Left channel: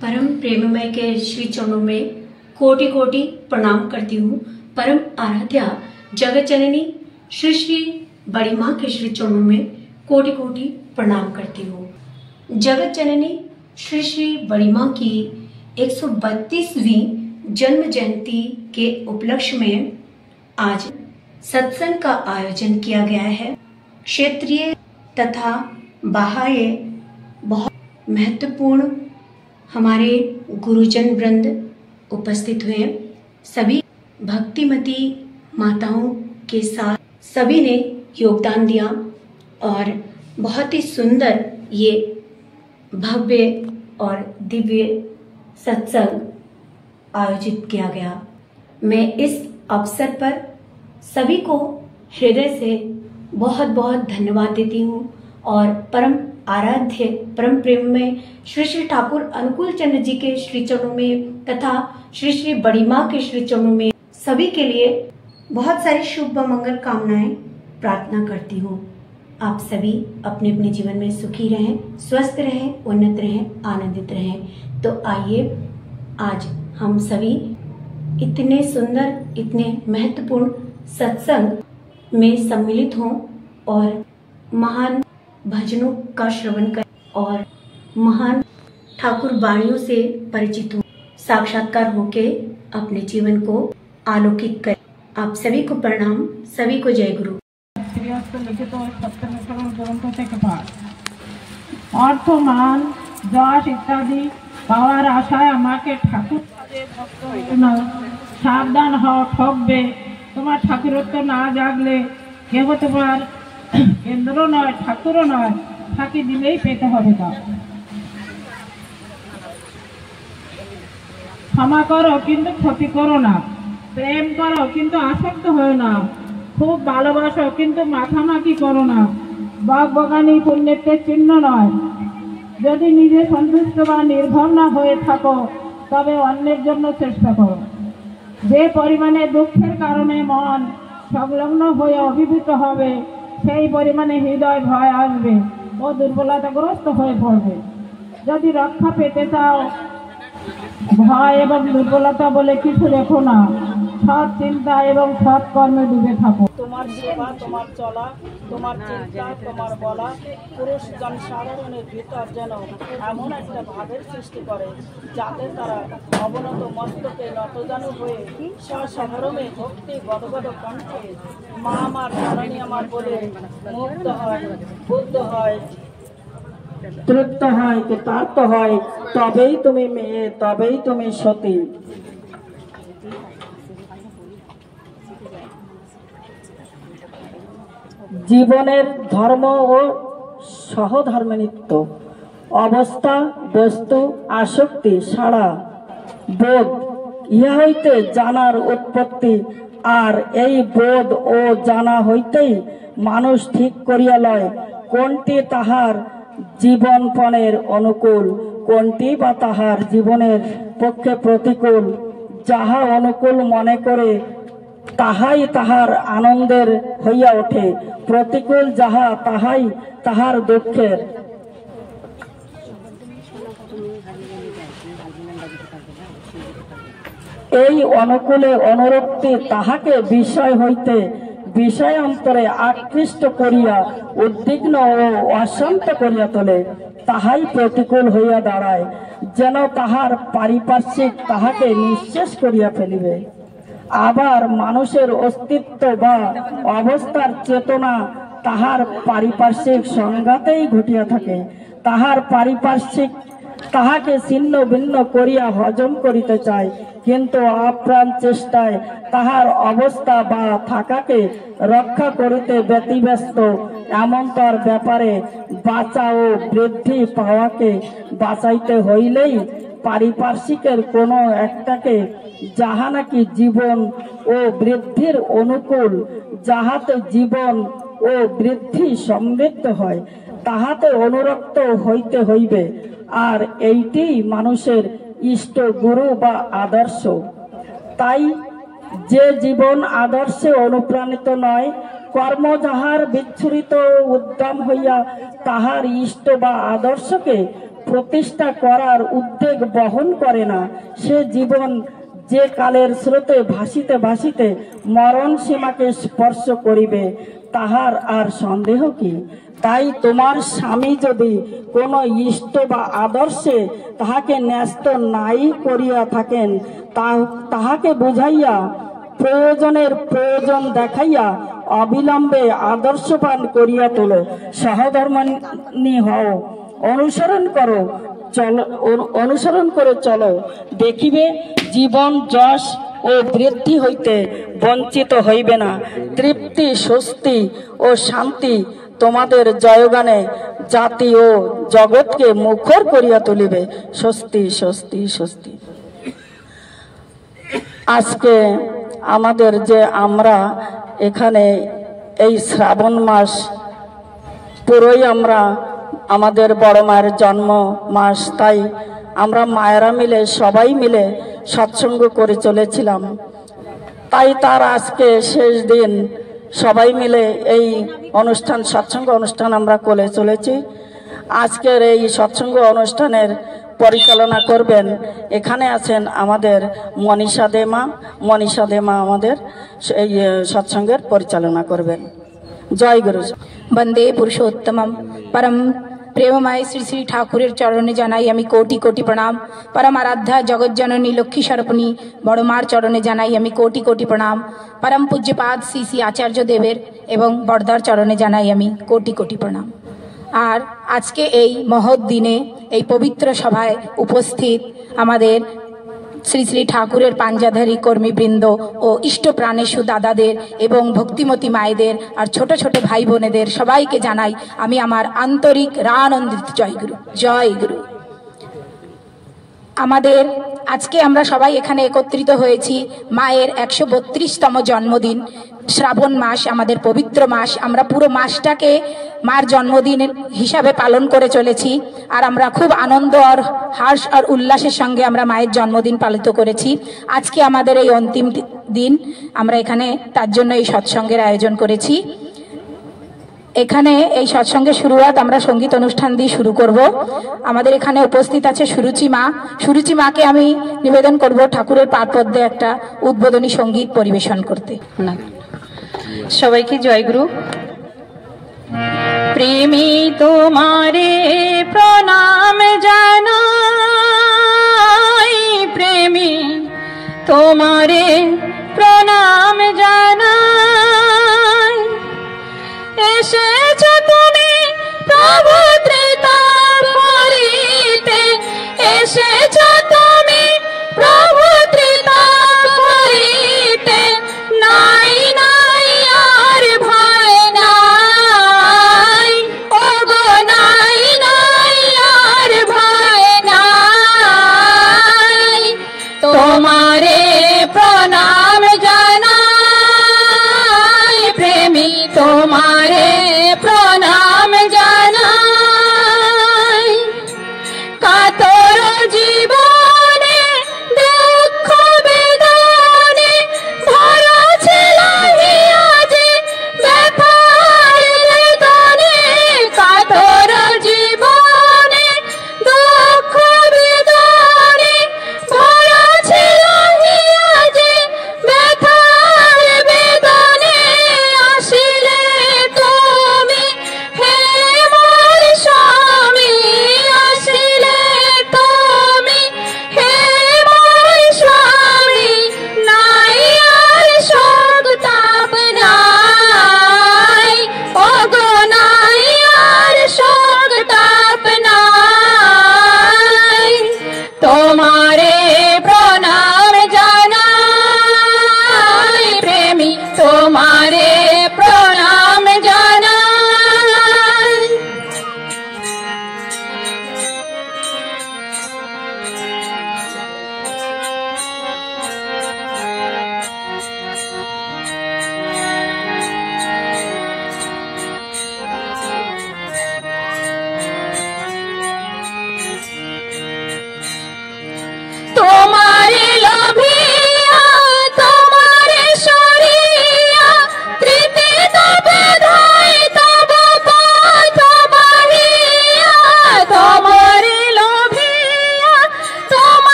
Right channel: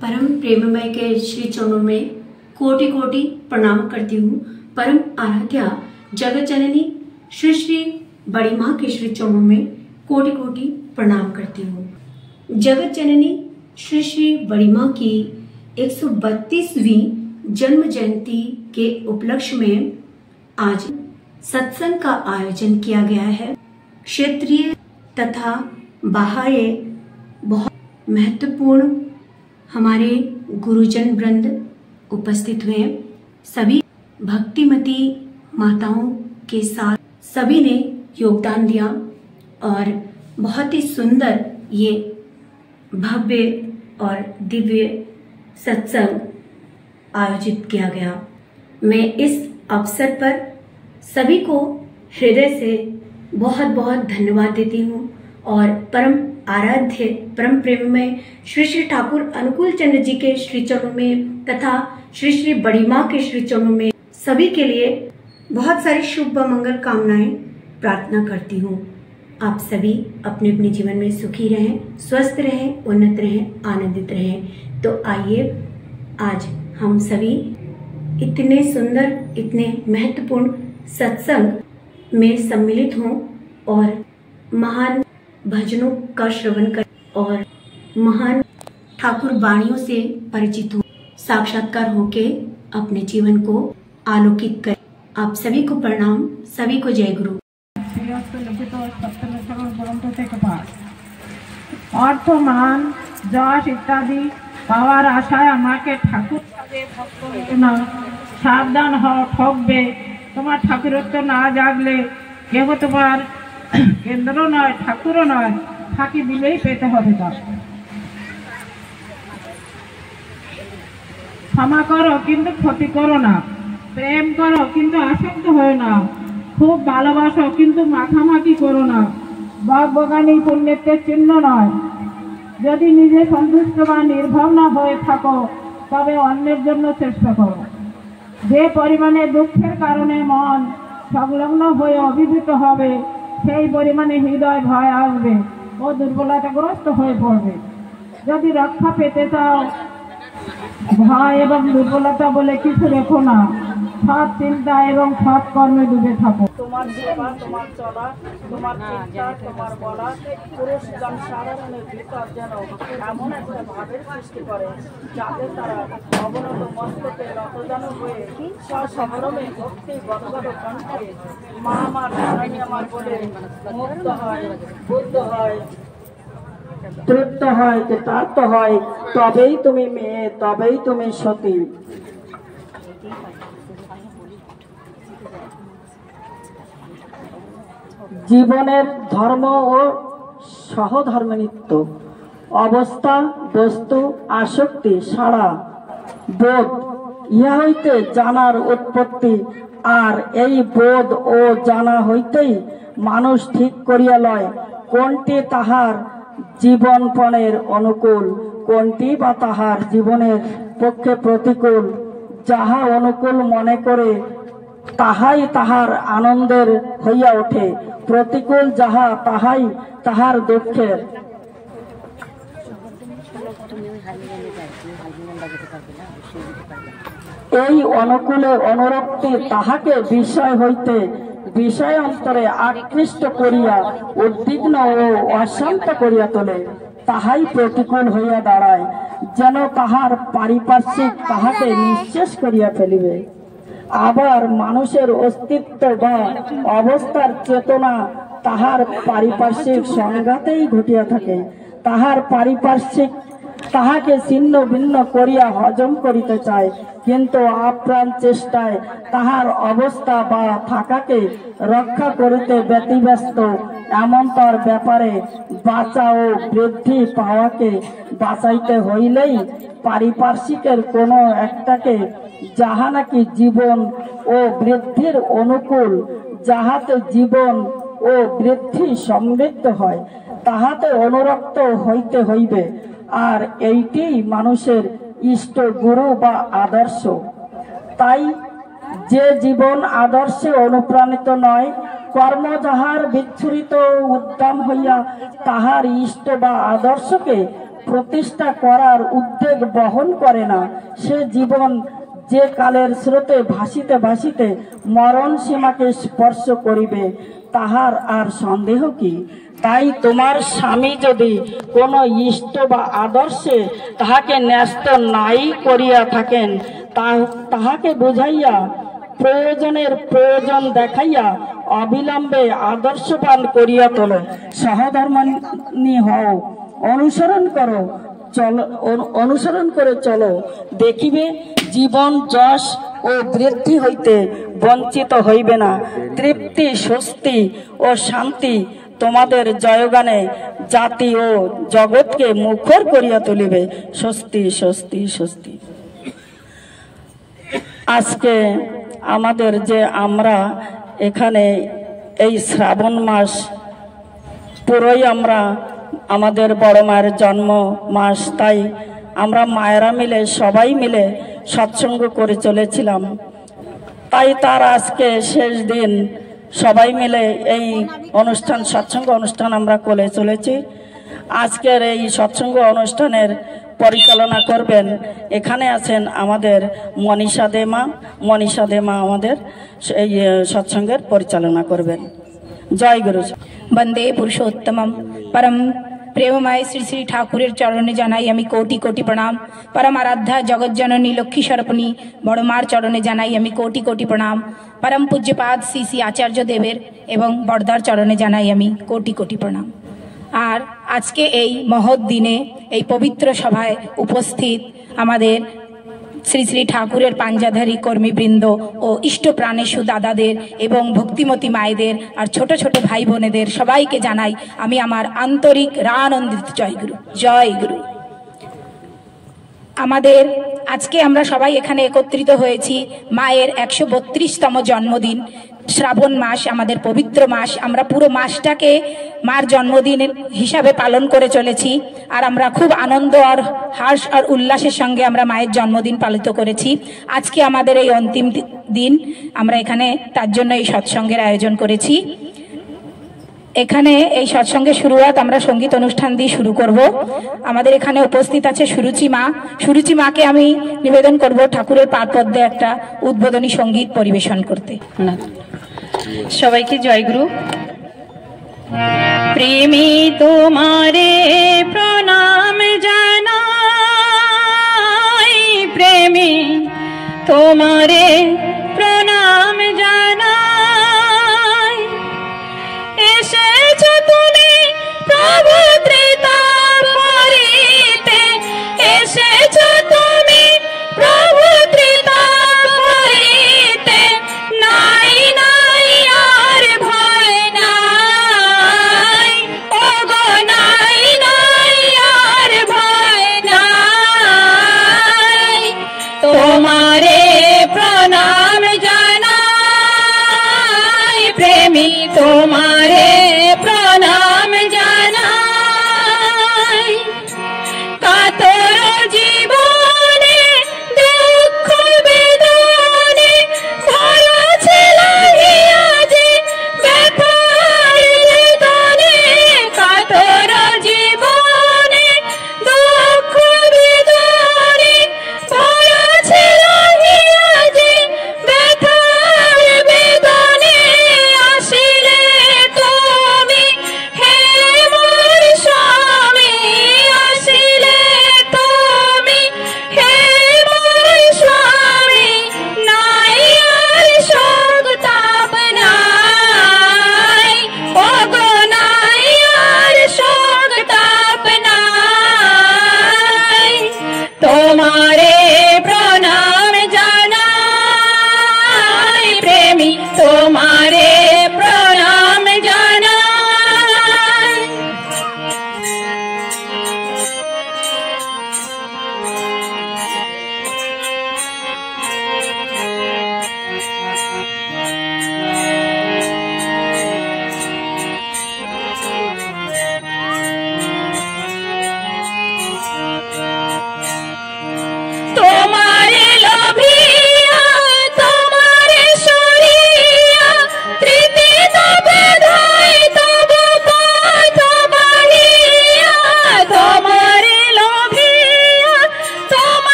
परम प्रेममय के श्री चरणों में कोटि कोटि प्रणाम करती हूँ। परम आराध्या जगत जननी श्री श्री बड़ी माँ के श्री चरणों में कोटि कोटि प्रणाम करती हूँ। जगत जननी श्री श्री बड़ी माँ की 132वीं जन्म जयंती के उपलक्ष्य में आज सत्संग का आयोजन किया गया है। क्षेत्रीय तथा बाह्य बहुत महत्वपूर्ण हमारे गुरुजन वृंद उपस्थित हुए। सभी भक्तिमती माताओं के साथ सभी ने योगदान दिया और बहुत ही सुंदर ये भव्य और दिव्य सत्संग आयोजित किया गया। मैं इस अवसर पर सभी को हृदय से बहुत बहुत धन्यवाद देती हूँ और परम आराध्य परम प्रेम में श्री श्री ठाकुर अनुकूल चंद्र जी के श्री चरणों में तथा श्री श्री बड़ी माँ के श्री चरणों में सभी के लिए बहुत सारी शुभ व मंगल कामनाएं प्रार्थना करती हूँ। आप सभी अपने अपने जीवन में सुखी रहें, स्वस्थ रहें, उन्नत रहें, आनंदित रहें। तो आइए आज हम सभी इतने सुंदर, इतने महत्वपूर्ण सत्संग में सम्मिलित हों और महान भजनों का श्रवण कर और महान ठाकुर वाणियों से परिचित हो, साक्षात्कार होके अपने जीवन को आलोकित करें। आप सभी को प्रणाम, सभी को जय गुरु। अर्थ मान যশ ইত্যাদি পাওয়ার আশায় আমাকে ঠাকুর সাবধান হও, ঠকবে। তোমার ঠাকুরত্ব না জাগলে কেহ তোমার কেন্দ্র নয়, ঠাকুরও নয়, ফাঁকি দিলেই পেতে হবে। তা ক্ষমা করো কিন্তু ক্ষতি করো না, প্রেম করো কিন্তু আসক্ত হয় না, খুব ভালোবাসো কিন্তু মাখামাখি করো না। বকবকানি পুণ্যের চিহ্ন নয়। যদি নিজে সন্তুষ্ট বা নির্ভর না হয়ে থাকো তবে অন্যের জন্য চেষ্টা করো। যে পরিমাণে দুঃখের কারণে মন সংলগ্ন হয়ে অভিভূত হবে সেই পরিমাণে হৃদয় ভয় আসবে ও দুর্বলতাগ্রস্ত হয়ে পড়বে। যদি রক্ষা পেতে চাও ভয় এবং দুর্বলতা বলে কিছু রেখো না, সৎ চিন্তা এবং সৎ কর্মে ডুবে থাকো। তোমার সেবা, তোমার চলা, তোমার চিন্তা, তোমার বলা পুরুষ জনসাধারণের ভিতর যেন এমন একটা ভাবের সৃষ্টি করে যাতে তারা অবনত মস্তকে রতজানু হয়ে সসম্ভ্রমে ভক্তি গদগদ কণ্ঠে মা আমার নারায়ণ আমার বলে মুক্ত হয়, বুদ্ধ হয়, তৃপ্ত হয়, কৃতার্থ হয়। তবেই তুমি মেয়ে, তবেই তুমি সতী। জীবনের ধর্ম ও সহধর্মিত্ব, অবস্থা, বস্তু, আসক্তি, সারা, বোধ, ইহা হইতে জানার উৎপত্তি। আর এই বোধ ও জানা হইতেই মানুষ ঠিক করিয়া লয় কোনটি তাহার জীবনপণের অনুকূল, কোনটি বা তাহার জীবনের পক্ষে প্রতিকূল। যাহা অনুকূল মনে করে তাহাই তাহার আনন্দের হইয়া ওঠে, প্রতিকূল যাহা তাহাই তাহার দুঃখের। এই অনুকূলে অনুরক্তি তাহাকে বিষয় হইতে বিষয় অন্তরে আকৃষ্ট করিয়া উদ্বিগ্ন ও অশান্ত করিয়া তোলে। তাহাই প্রতিকূল হইয়া দাঁড়ায়, যেন তাহার পারিপার্শ্বিক তাহাকে নিঃশেষ করিয়া ফেলিবে। আবার মানুষের অস্তিত্ব বা অবস্থার চেতনা তাহার পারিপার্শ্বিক সংঘাতেই ঘটিয়া থাকে। তাহার পারিপার্শ্বিক তাহাকে ছিন্ন ভিন্ন করিয়া হজম করিতে চায়, কিন্তু আপ্রাণ চেষ্টায় তাহার অবস্থা বা থাকাকে রক্ষা করিতে ব্যতিব্যস্ত। এমন তার ব্যাপারে বাঁচা ও বৃদ্ধি পাওয়াকে বাঁচাইতে হইলেই পারিপার্শ্বিকের কোনো একটাকে, যাহা নাকি জীবন ও বৃদ্ধির অনুকূল, যাহাতে জীবন ও বৃদ্ধি সমৃদ্ধ হয়, তাহাতে অনুরক্ত হইতে হইবে। আর এইটি মানুষের ইষ্ট গুরু বা আদর্শ। তাই যে জীবন আদর্শে অনুপ্রাণিত নয়, কর্ম যাহার বিচ্ছুরিত উদ্যম হইয়া তাহার ইষ্ট বা আদর্শকে প্রতিষ্ঠা করার উদ্যোগ বহন করে না, সে জীবন যে কালের স্রোতে ভাসিতে ভাসিতে মরণ সীমাকে স্পর্শ করিবে, তাহার আর সন্দেহ কি? তাই তোমার স্বামী যদি কোনো ইষ্ট বা আদর্শে তাহাকে ন্যস্ত নাই করিয়া থাকেন, তাহাকে বুঝাইয়া প্রয়োজনের প্রয়োজন দেখাইয়া অবিলম্বে আদর্শবান করিয়া তোলো। সহধর্মিণী হও, অনুসরণ করে চলো, দেখিবে জীবন যশ ও বৃদ্ধি হইতে বঞ্চিত হইবে না। তৃপ্তি, স্বস্তি ও শান্তি তোমাদের জয়গানে জাতি ও জগৎকে মুখর করিয়া তুলিবে। স্বস্তি, স্বস্তি, স্বস্তি। আজকে আমাদের যে আমরা এখানে এই শ্রাবণ মাস পুরোই আমরা আমাদের বড় মায়ের জন্ম মাস, তাই আমরা মায়েরা মিলে সবাই মিলে সৎসঙ্গ করে চলেছিলাম। তাই তার আজকে শেষ দিন, সবাই মিলে এই অনুষ্ঠান, সৎসঙ্গ অনুষ্ঠান আমরা করে চলেছি। আজকের এই সৎসঙ্গ অনুষ্ঠানের পরিচালনা করবেন, এখানে আছেন আমাদের মনীষা দেমা আমাদের এই সৎসঙ্গের পরিচালনা করবেন। জয় গুরু। বন্দে পুরুষোত্তমম परम प्रेममय श्री श्री ठाकुरेर चरणे जानाई आमी कोटि कोटि प्रणाम। परम आराध्या जगत जननी लक्ष्मी सर्पणी बड़मार चरणे जानाई आमी कोटि कोटि प्रणाम। परम पूज्यपाद श्री श्री आचार्य देवेर एवं बड़दार चरणे जानाई आमी कोटि कोटि प्रणाम। और आज के এই মহৎ দিনে এই পবিত্র সভায় উপস্থিত আমাদের শ্রী শ্রী ঠাকুরের পাঞ্জাধারী কর্মীবৃন্দ ও ইষ্ট প্রাণেশু দাদাদের এবং ভক্তিমতী মায়েদের আর ছোট ছোট ভাই বোনেদের সবাইকে জানাই আমি আমার আন্তরিক রানন্দিত জয়গুরু। জয়গুরু। আমাদের আজকে আমরা সবাই এখানে একত্রিত হয়েছি মায়ের 132তম জন্মদিন। শ্রাবণ মাস আমাদের পবিত্র মাস, আমরা পুরো মাসটাকে মার জন্মদিন হিসাবে পালন করে চলেছি। আর আমরা খুব আনন্দ আর হর্ষ আর উল্লাসের সঙ্গে আমরা মায়ের জন্মদিন পালিত করেছি। আজকে আমাদের এই অন্তিম দিন, আমরা এখানে তার জন্য এই সৎসঙ্গের আয়োজন করেছি। এখানে এই সৎসঙ্গের শুরুয়াত আমরা সঙ্গীত অনুষ্ঠান দিয়ে শুরু করব। আমাদের এখানে উপস্থিত আছে সুরুচি মা। সুরুচি মাকে আমি নিবেদন করব ঠাকুরের পাদপদ্মে একটা উদ্বোধনী সঙ্গীত পরিবেশন করতে। সবাইকে জয়গুরু। প্রেমী তোমারে প্রণাম জানাই, প্রেমী তোমারে প্রণাম জানাই। এসেছো তুমি প্রভু ত্রিতাপ করিতে, এসেছো তুমি প্রভু ত্রিতাপ করিতে। নাই নাই আর ভয় নাই, ওগো নাই নাই আর ভয় নাই। তোমারে প্রণাম জানাই, প্রেমী তোমারে প্রণাম জানাই। কাতর জীবন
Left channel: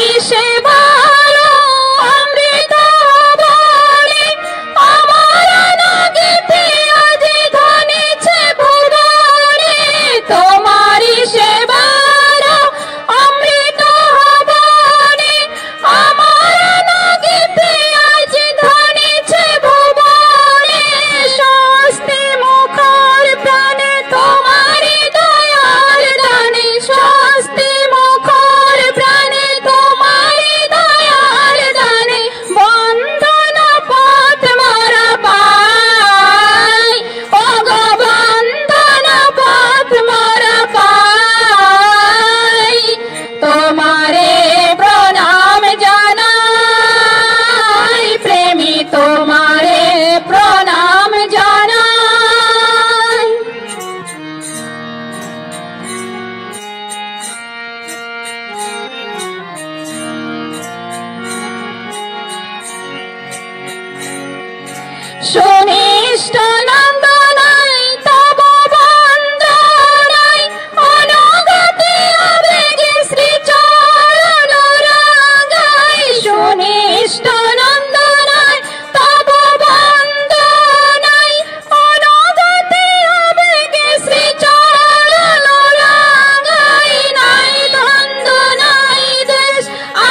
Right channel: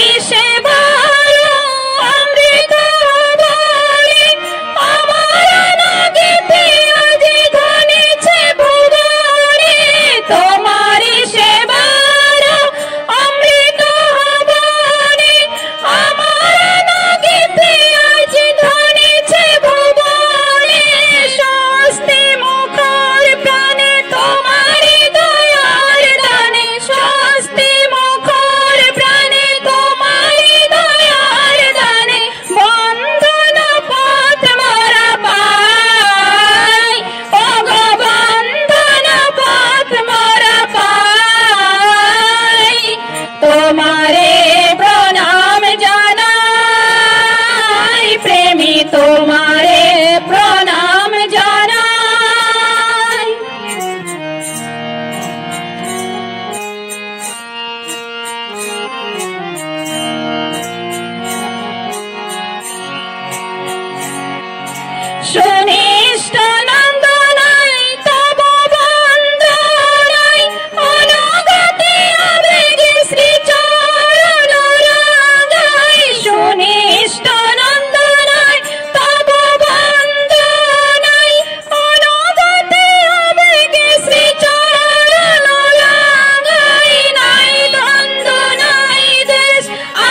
তোমারি সেবার অমৃত বলে আমার নাগিতে আজ ধনেছে ভুবনে তোমারি সেবার অমৃত বলে আমার নাগিতে আজ ধনেছে ভুবনে স্বস্তি মুখর প্রাণে তোমারি দয়ার দানে স্বস্তি মুখর প্রাণে তোমারি দয়ার দানে বন্ধন পথ মোরা পাই ওগো বন্ধন পথ মোরা পাই তোমারে প্রণাম জানাই প্রেমী তোমারে প্রণাম জানাই সুনিষ্ট নন্দনাই তব বন্দনাই অনুগতি আবেগে শ্রীচরণ রাগাই সুনিষ্ট নন্দনাই তব বন্দনাই অনুগতি আবেগে শ্রীচরণ রাগাই নাই দ্বন্দ্ব নাই দেশ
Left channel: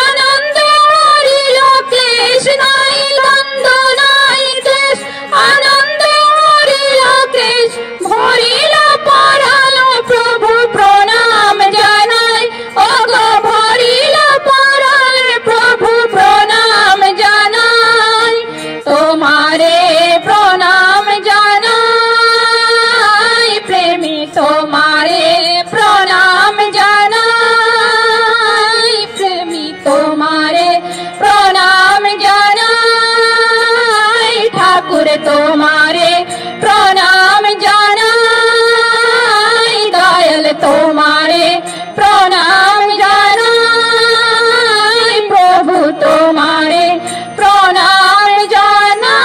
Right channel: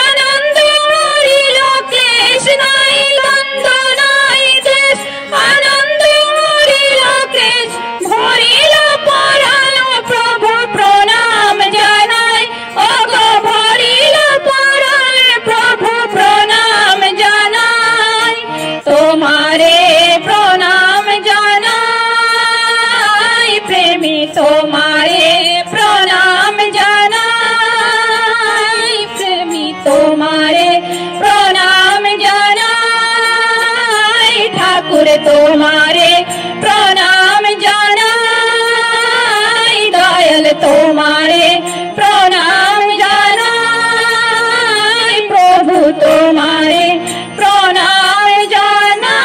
আনন্দ হরিল ক্লেশ নাই দ্বন্দ্ব নাই দেশ আনন্দ হরিল ক্লেশ ভরিল পরাণ প্রভু প্রণাম জানাই ওগো ভরিল পরাণ প্রভু প্রণাম জানাই তোমারে প্রণাম জানাই প্রেমী তোমারে প্রণাম জানাই প্রেমী তোমারে প্রণাম জানাই ঠাকুর তোমারে প্রণাম জানাই দয়াল তোমারে প্রণাম জানাই প্রভু তোমারে প্রণাম জানাই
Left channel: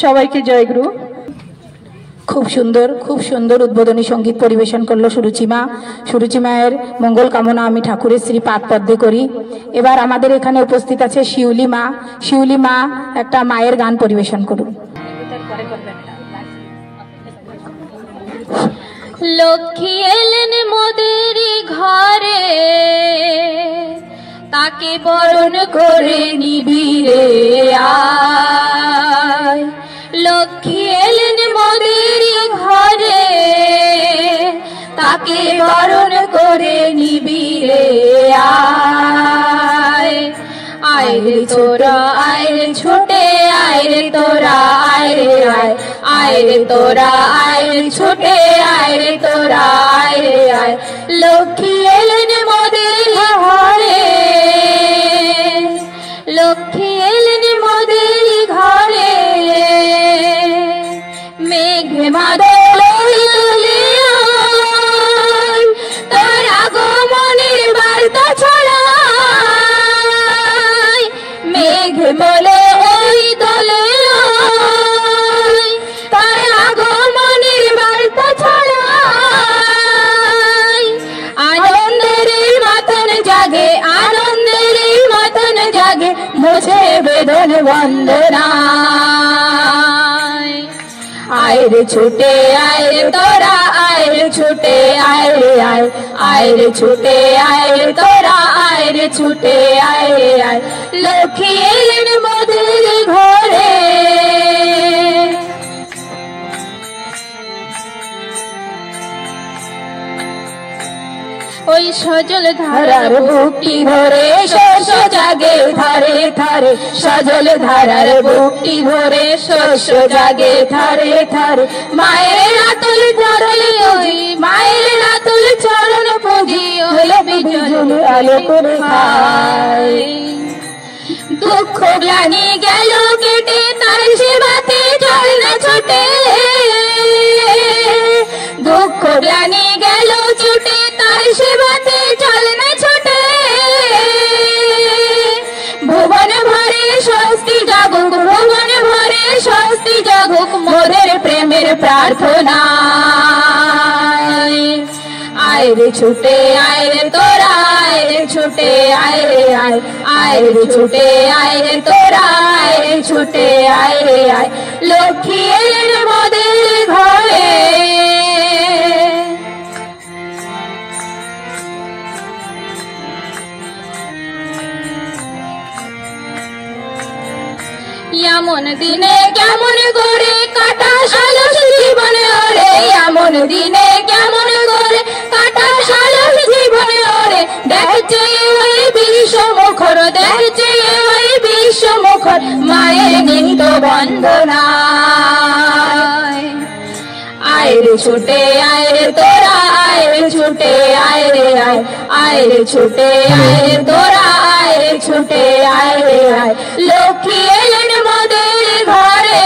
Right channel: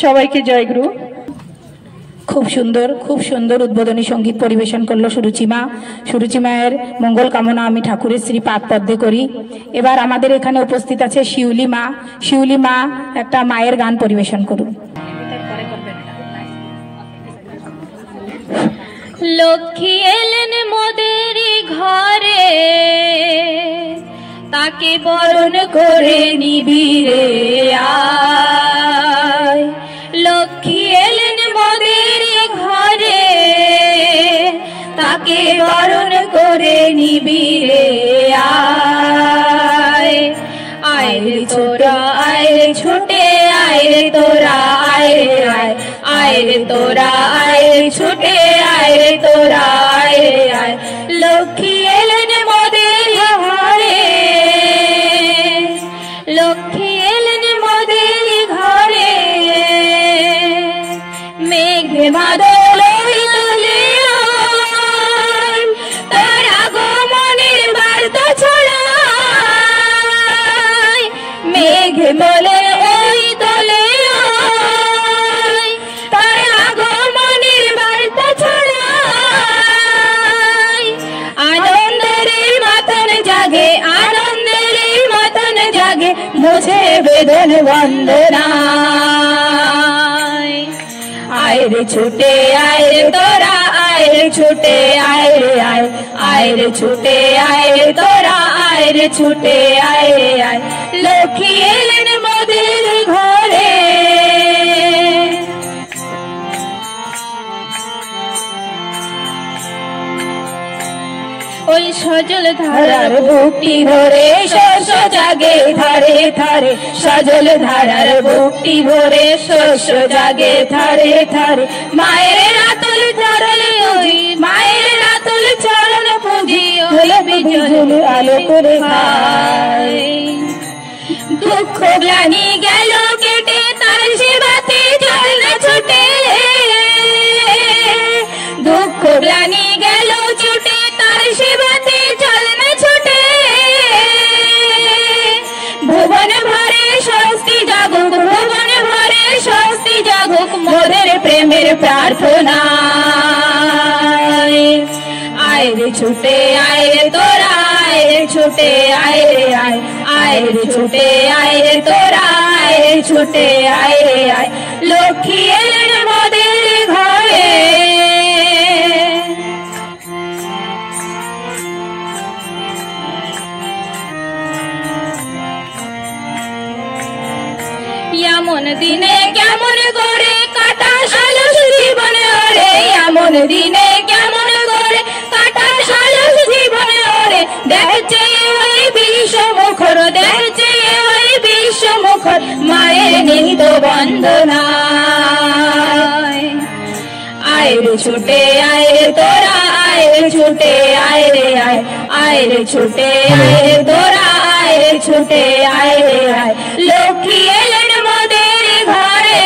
সবাইকে জয়গুরু। খুব সুন্দর উদ্বোধনী সঙ্গীত পরিবেশন করলো সুরুচিমা। সুরুচিমায়ের মঙ্গল কামনা আমি ঠাকুরের শ্রী পাদ পদ্মে করি। এবার আমাদের এখানে উপস্থিত আছে শিউলি মা। শিউলি মা একটা মায়ের গান পরিবেশন করুন। লক্ষ্মী এলেন মোদের ঘরে তাকে বরণ করে নিবিরে আয় লক্ষ্মী এলেন মোদের ঘরে তাকে বরণ করে নিবিরে আয় আয় রে তোরা আয় রে ছুটে আয় রে তোরা আয় রে আয় আয় রে তোরা আয় রে ছুটে আয় রে তোরা আয় রে আয় লক্ষ্মী এলেন মোদের ঘরে লক্ষ্মী এলেন মোদের ঘরে মেঘে মাদলে তোর আগমনের বার্তা ছড়ায় মেঘে বলে ওই দলে তার আগমনের বার্তা ছড়ায় আনন্দের মাতন জাগে আনন্দের মাতন জাগে মুঝে বেদন বন্দনায় আয় রে ছুটে আয় রে তোরা আয় রে ছুটে আয় রে আয় আয় রে ছুটে আয় রে তোরা আয় রে ছুটে আয় রে আয় লক্ষ্মী এলেন মোদের ঘরে ওই সজল ধারার বুকটি ভরে শস্য জাগে ধারে ধারে সজল ধারার বুকটি ভরে শস্য জাগে ধারে ধারে মায়ের আতুল চরণে ওই মায়ের আতুল চরণ পুঁজি হলো বিজল আলো করে খায় দুঃখ গ্লানি গেল কেটে তার সেবাতে জল না ছোটে দুঃখ গ্লানি গেল কেটে তার সেবাতে জল না ছোটে ভুবন ভরে স্বস্তি জাগুক ভুবন ভরে স্বস্তি জাগুক মোদের প্রেমের প্রার্থনা আয় आए रे छूटे आए रे तोरा आए रे छूटे आए रे आए आए रे छूटे आए रे तोरा आए रे छूटे आए रे आए लक्ष्मी एलेन मोদের ঘরে এমন দিনে কেমন করে কাটা সালস জীবনে ওরে এমন দিনে কেমন করে কাটা সালস জীবনে ওরে দেখছে ওই বিশ্বমুখর দেখছে ওই বিশ্বমুখর মায়ের নিহিত বন্দনায় आए रे छूटे आए रे तोरा आए रे छूटे आए रे आए आए रे छूटे आए रे तोरा आए रे छूटे आए रे आए लक्ष्मी एलेन मोদের ঘরে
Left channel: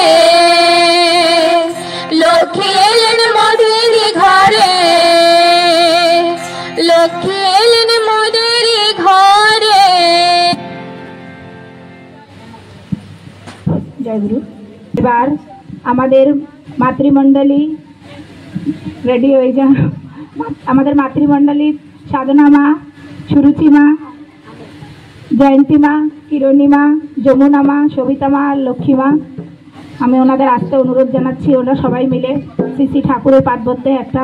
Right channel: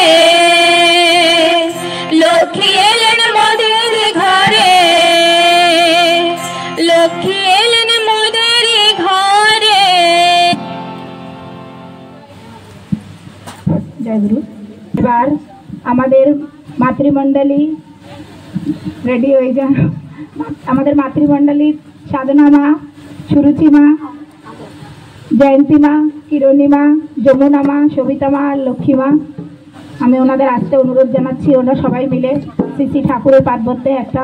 লক্ষ্মী এলেন মোদের ঘরে লক্ষ্মী এলেন মোদের ঘরে জয় গুরু। এবার আমাদের মাতৃমণ্ডলী রেডি হয়ে যান। আমাদের মাতৃমণ্ডলী সাধনা মা, সুরুচি মা, জয়ন্তী মা, কিরণী মা, যমুনা মা, সবিতা মা, লক্ষ্মী মা, আমি ওনাদের আসতে অনুরোধ জানাচ্ছি। ওনারা সবাই মিলে শ্রী শ্রী ঠাকুরের পাদবদ্ধে একটা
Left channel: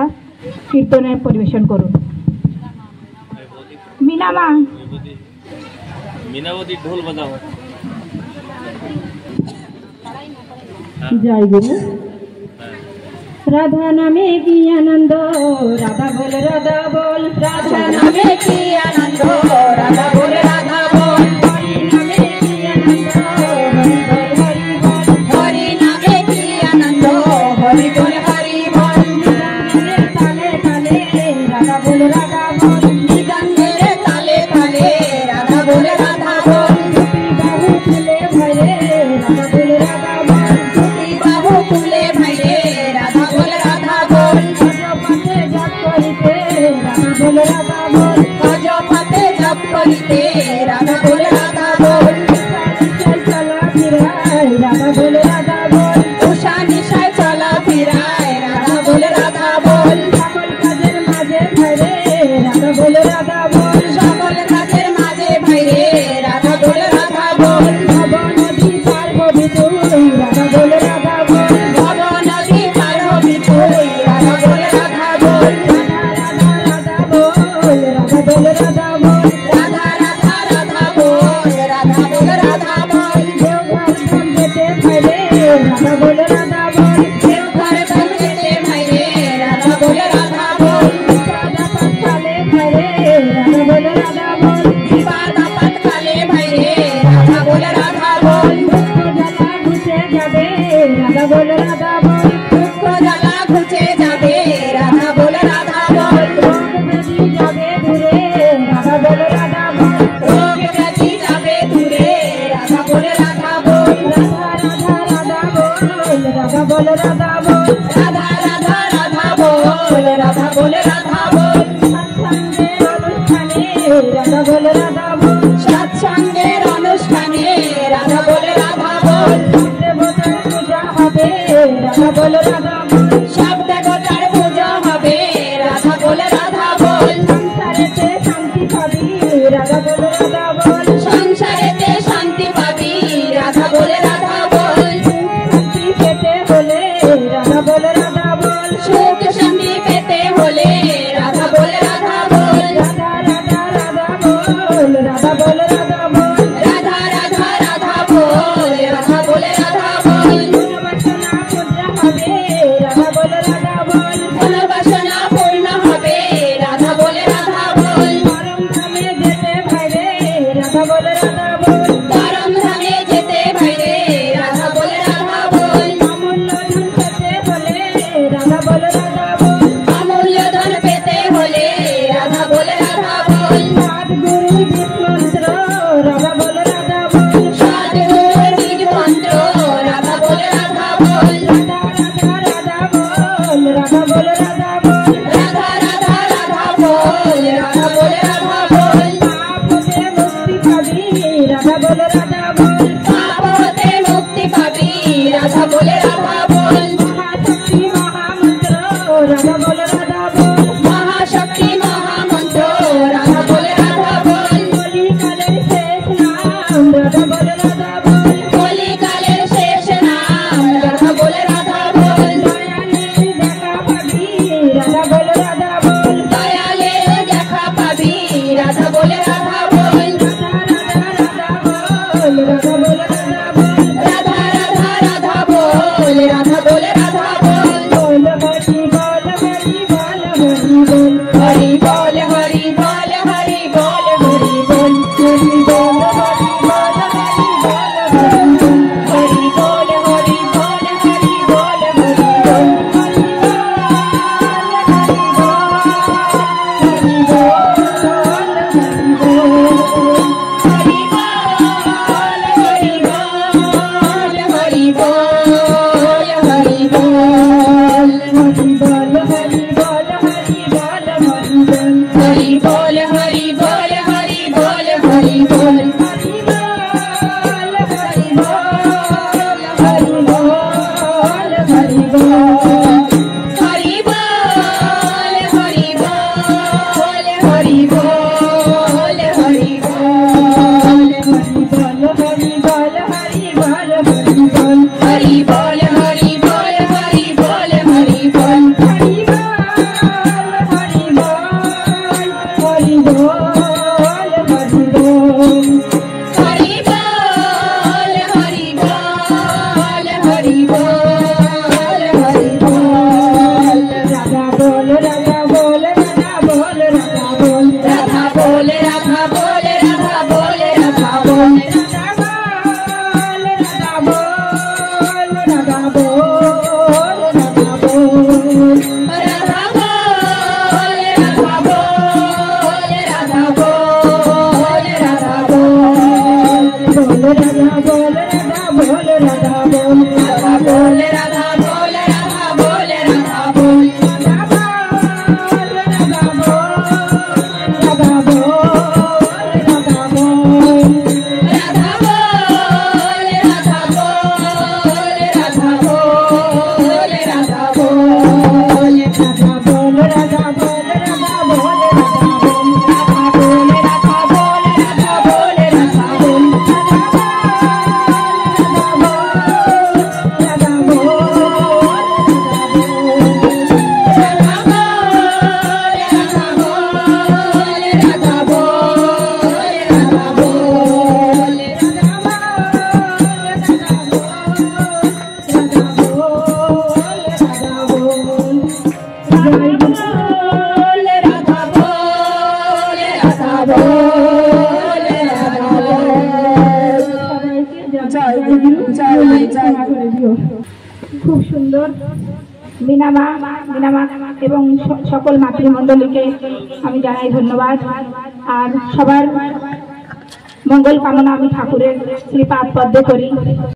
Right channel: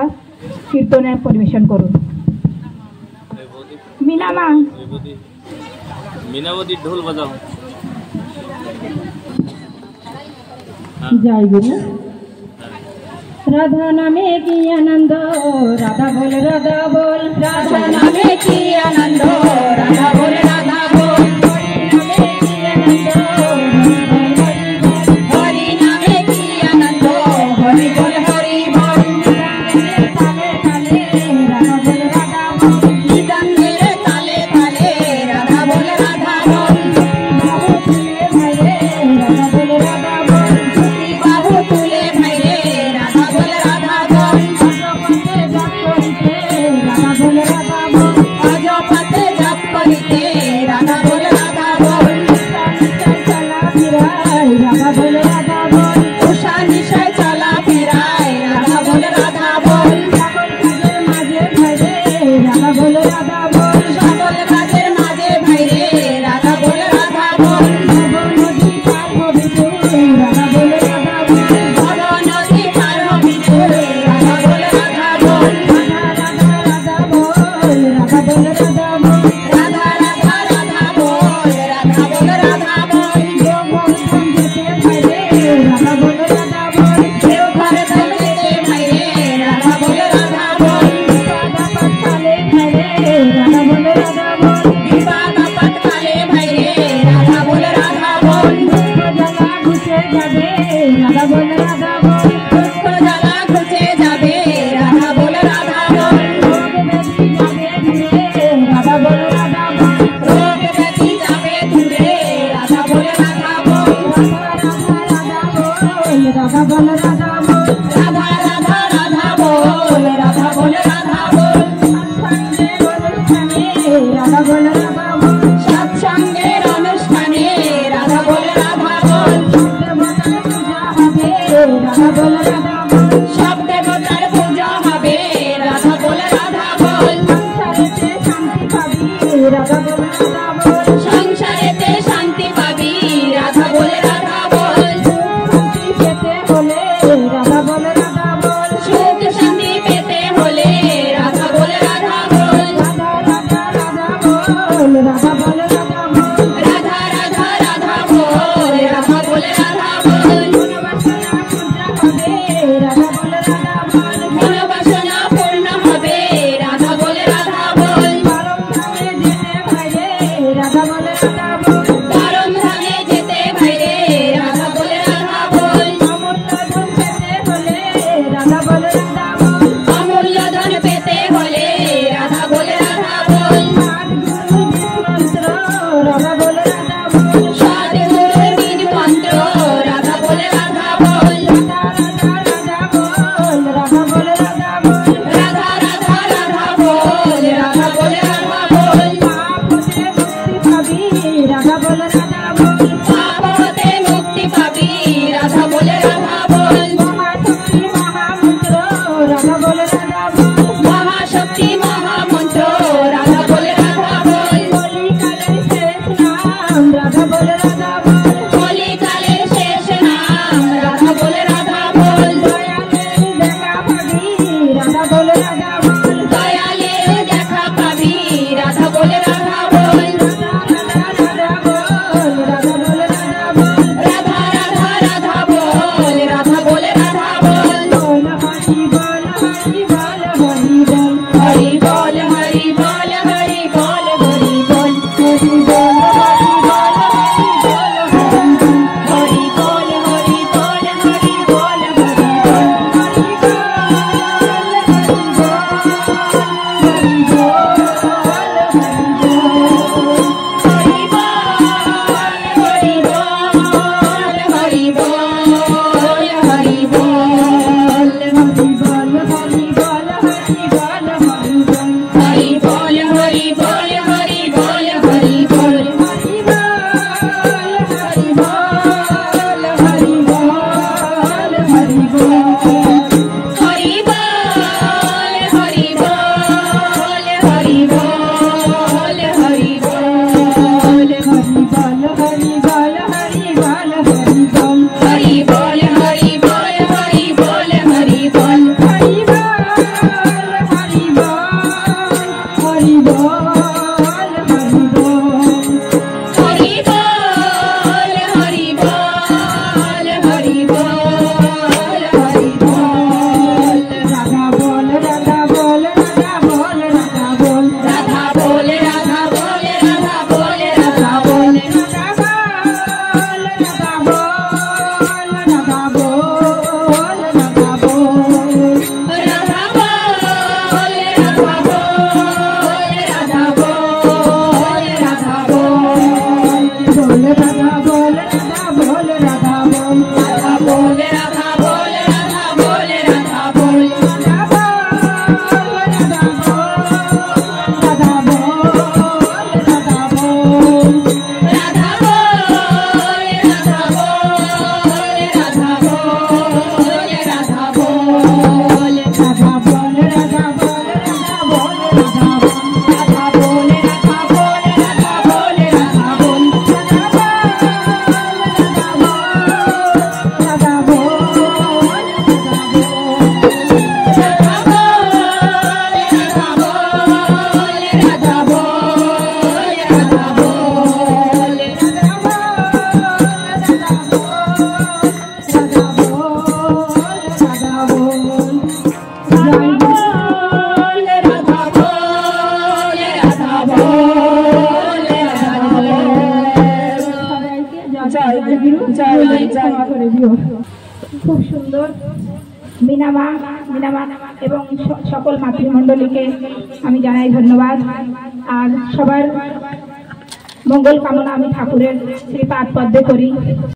কীর্তনের পরিবেশন করুন। মিনা মা, मीनावती ढोल बजाओ। জয় গুরু। রাধা নামে কি আনন্দ রাধা বল রাধা বল রাধা নামে কি আনন্দ রাধা বল রাধা বল হরি নামে কি আনন্দ হরি বল হরি বল তালে তালে রাধা বল রাধা বল নিদঙ্গের তালে তালে রাধা বল রাধা বল বাবু তুলে ভয়ে রাধা বল রাধা বল বাবু তুলে ভয়ে রাধা বল রাধা বল পাতে জাপ করিতে রাধা বল রাধা বল চলা ফিরায় রাধা বল রাধা বল উষা নিশায় চলা ফিরায় রাধা বল রাধা বল সকল কাজের মাঝে ভাইরে রাধা বল রাধা বল রাধা বল রাধা বল ভব নদী পার বিপুল রাধা বল রাধা বল রাধা বল রাধা বল রাধা রাধা রাধা বল রাধা বল রাধা বল রাধা বল রাধা বল দেওঘর যেতে ভাইরে রাধা বল রাধা বল রাধা বল রাধা বল বিবাদ আপদ কালে ভাইরে রাধা বল রাধা বল ঘুচে যাবে রাধা বল রাধা বল দুঃখ জ্বালা ঘুচে যাবে রাধা বল রাধা বল রোগ ব্যাধি যাবে দূরে রাধা বল রাধা বল রাধা বল রাধা বল রাধা রাধা রাধা বল রাধা বল রাধা বল রাধা বল রাধা বল সৎসঙ্গের অনুষ্ঠানে রাধা বল রাধা বল রাধা বল রাধা বল সব দেবতার পূজা হবে রাধা বল রাধা বল সংসারেতে শান্তি পাবি রাধা বল রাধা বল সুখ শান্তি পেতে হলে রাধা বল রাধা বল রাধা বল রাধা বল রাধা রাধা রাধা বল রাধা বল রাধা বল हरि बोल हरि बोल हरि बोल हरि बोल हरि बोल हरि बोल हरि बोल हरि बोल हरि बोल हरि बोल हरि बोल हरि बोल हरि बोल हरि बोल हरि बोल খুব সুন্দর মিনামা এবং সকল মাতৃমণ্ডলীকে আমি জানাই ধন্যবাদ। আর সবার মঙ্গল কামনা আমি ঠাকুরের শ্রীপাদ পদ্মে করি।